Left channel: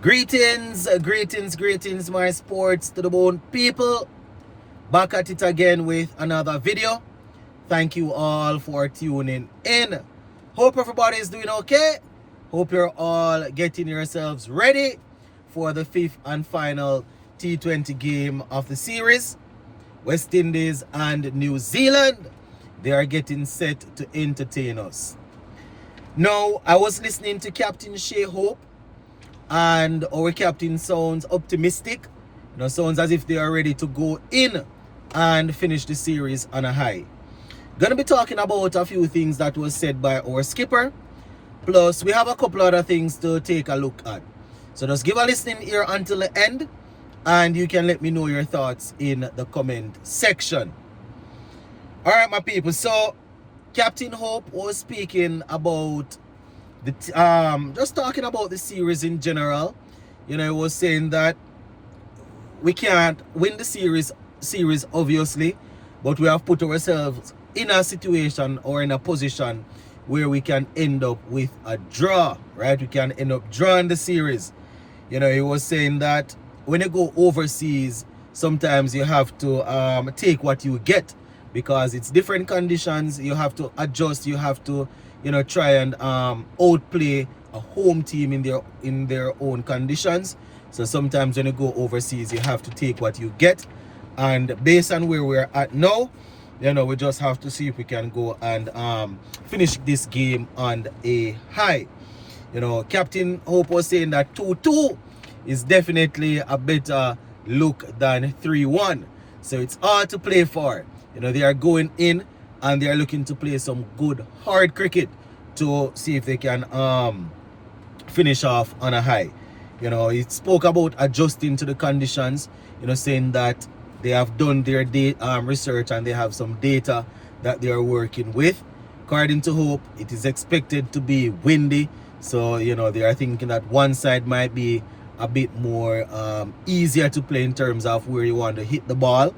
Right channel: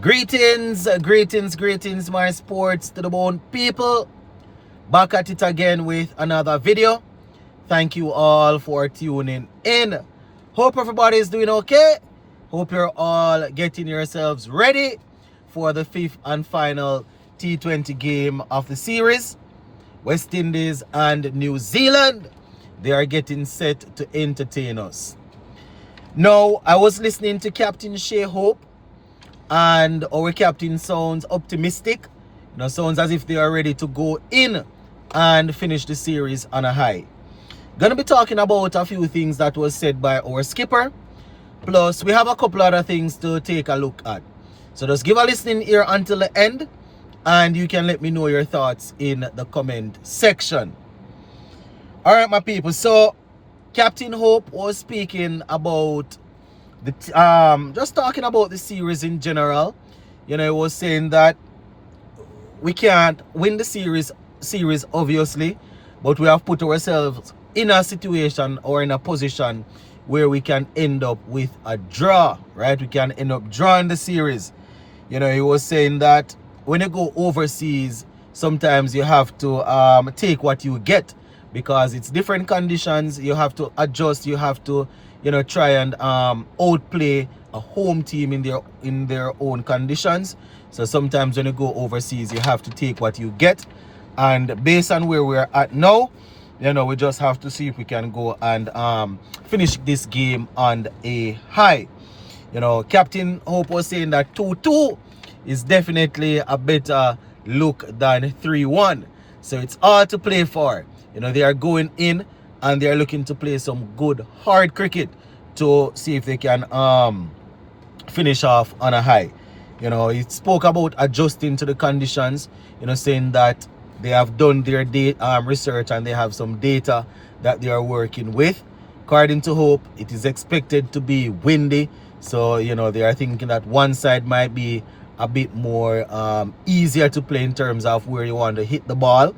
Greetings, my sports to the bone people. Back at it again with another video. Thank you all for tuning in. Hope everybody is doing okay. Hope you're all getting yourselves ready for the fifth and final T20 game of the series. West Indies and New Zealand, they are getting set to entertain us. Now, I was listening to Captain Shea Hope, and our captain sounds optimistic. Sounds as if they are ready to go in and finish the series on a high. Gonna be talking about a few things that was said by our skipper. Plus, we have a couple other things to take a look at. So just give a listening ear until the end, and you can let me know your thoughts in the comment section. All right, my people. So, Captain Hope was speaking about just talking about the series in general. He was saying that we can't win the series obviously, but we have put ourselves in a situation or in a position where we can end up with a draw, right? We can end up drawing the series. He was saying that when you go overseas, sometimes you have to take what you get, because it's different conditions. You have to adjust. You have to try and outplay a home team in their own conditions. So sometimes when you go overseas, you have to take what you get. And based on where we're at now, we just have to see if we can go and finish this game on a high. Captain Hope was saying that 2-2 is definitely a better look than 3-1. So it's all to play for. They are going in and they are looking to play some good hard cricket to see if they can finish off on a high. He spoke about adjusting to the conditions, saying that they have done their research and they have some data that they are working with. According to Hope, it is expected to be windy. So, they are thinking that one side might be a bit more easier to play in terms of where you want to hit the ball,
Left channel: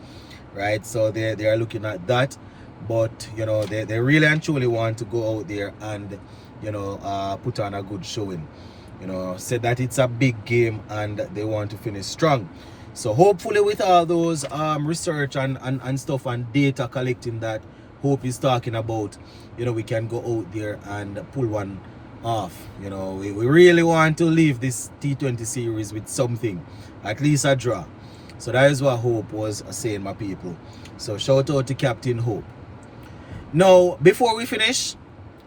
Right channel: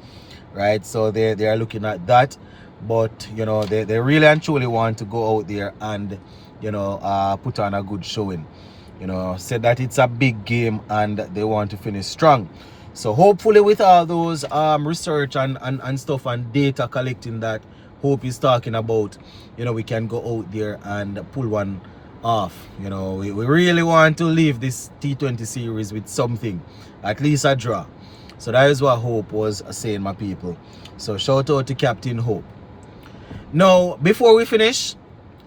right? So they are looking at that. But, they really and truly want to go out there and, put on a good showing. Said that it's a big game and they want to finish strong. So hopefully with all those research and stuff and data collecting that Hope is talking about, we can go out there and pull one off. We really want to leave this T20 series with something, at least a draw. So that is what Hope was saying, my people. So shout out to Captain Hope. Now, before we finish,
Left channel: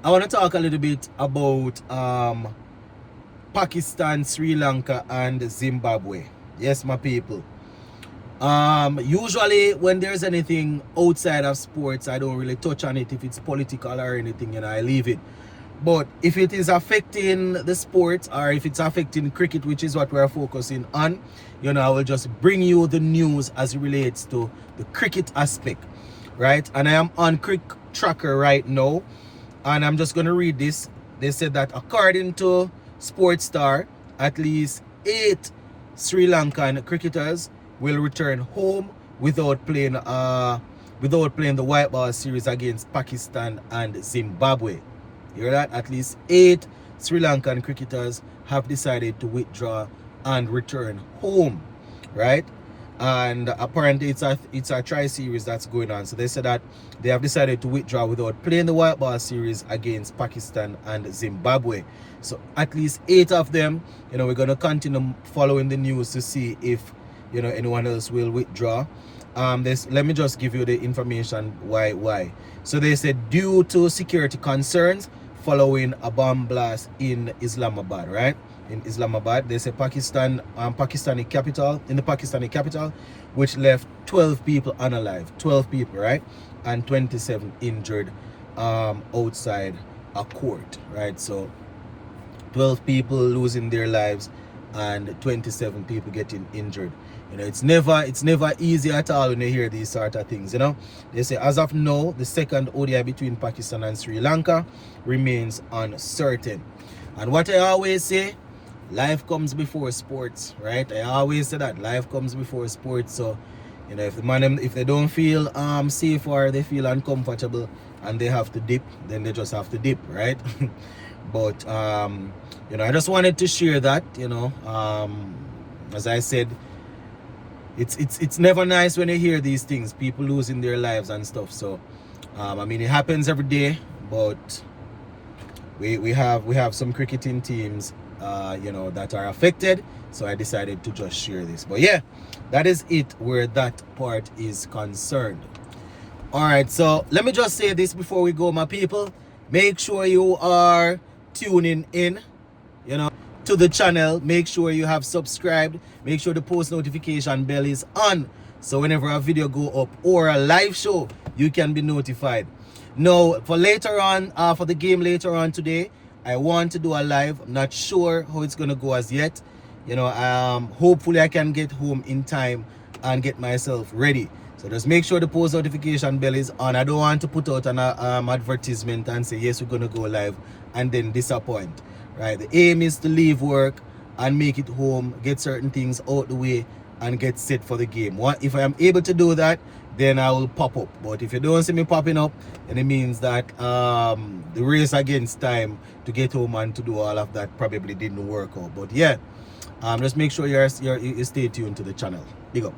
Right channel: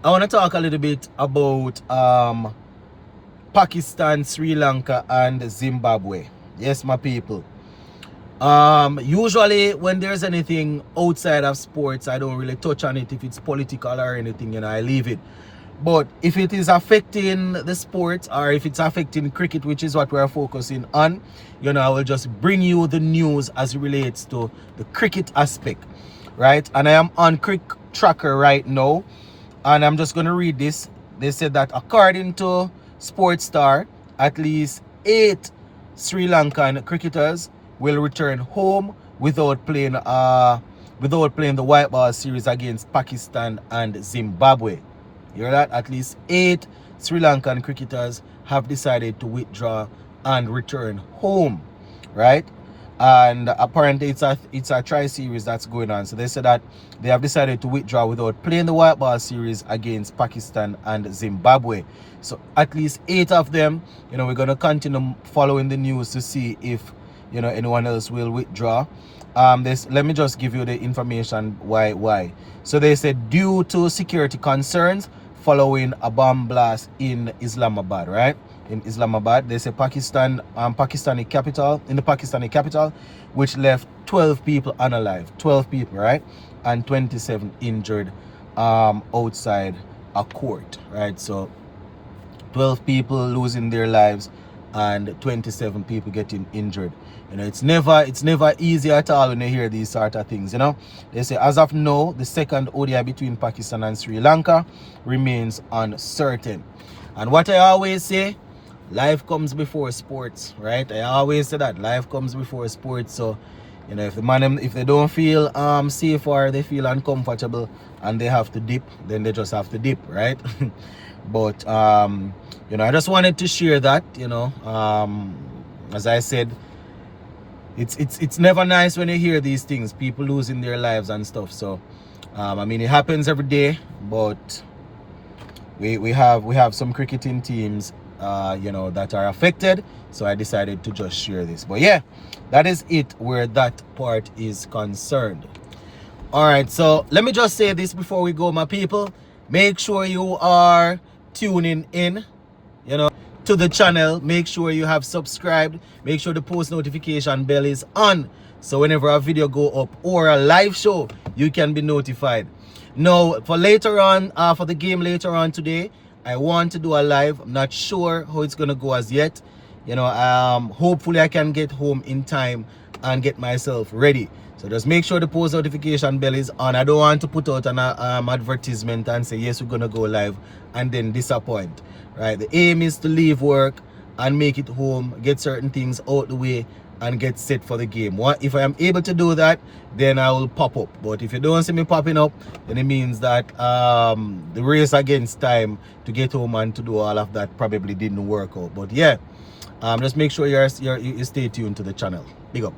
I want to talk a little bit about Pakistan, Sri Lanka, and Zimbabwe. Yes, my people. Usually when there's anything outside of sports, I don't really touch on it. If it's political or anything, I leave it. But if it is affecting the sport, or if it's affecting cricket, which is what we're focusing on, I will just bring you the news as it relates to the cricket aspect, right? And I am on Cricket Tracker right now, and I'm just going to read this. They said that according to Sports Star, at least 8 Sri Lankan cricketers will return home without playing the white ball series against Pakistan and Zimbabwe. You hear that? At least 8 Sri Lankan cricketers have decided to withdraw and return home, right? And apparently it's a tri-series that's going on. So they said that they have decided to withdraw without playing the white ball series against Pakistan and Zimbabwe. So at least 8 of them, we're going to continue following the news to see if, anyone else will withdraw. Let me just give you the information why. So they said due to security concerns following a bomb blast in Islamabad, right? In Islamabad, they say Pakistani capital, which left 12 people unalive, 12 people, right? And 27 injured outside a court, right? So 12 people losing their lives and 27 people getting injured. It's never easy at all when you hear these sort of things. They say as of now, the second ODI between Pakistan and Sri Lanka remains uncertain. And what I always say, life comes before sports, right? I always say that life comes before sports. So if they don't feel safe or they feel uncomfortable and they have to dip, then they just have to dip, right? But you know, I just wanted to share that, you know. As I said, it's never nice when you hear these things, people losing their lives and stuff. So I mean, it happens every day, but we have some cricketing teams you know, that are affected, so I decided to just share this. But yeah, that is it where that part is concerned. All right, so let me just say this before we go, my people. Make sure you are tuning in, you know, to the channel. Make sure you have subscribed. Make sure the post notification bell is on, so whenever a video go up or a live show, you can be notified. Now, for later on, for the game later on today, I want to do a live. I'm not sure how it's gonna go as yet. You know, hopefully I can get home in time and get myself ready. So just make sure the post notification bell is on. I don't want to put out an advertisement and say, yes, we're gonna go live, and then disappoint, right? The aim is to leave work and make it home, get certain things out the way, and get set for the game. If I am able to do that, then I will pop up. But if you don't see me popping up, then it means that the race against time to get home and to do all of that probably didn't work out. But yeah, just make sure you stay tuned to the channel. Big up.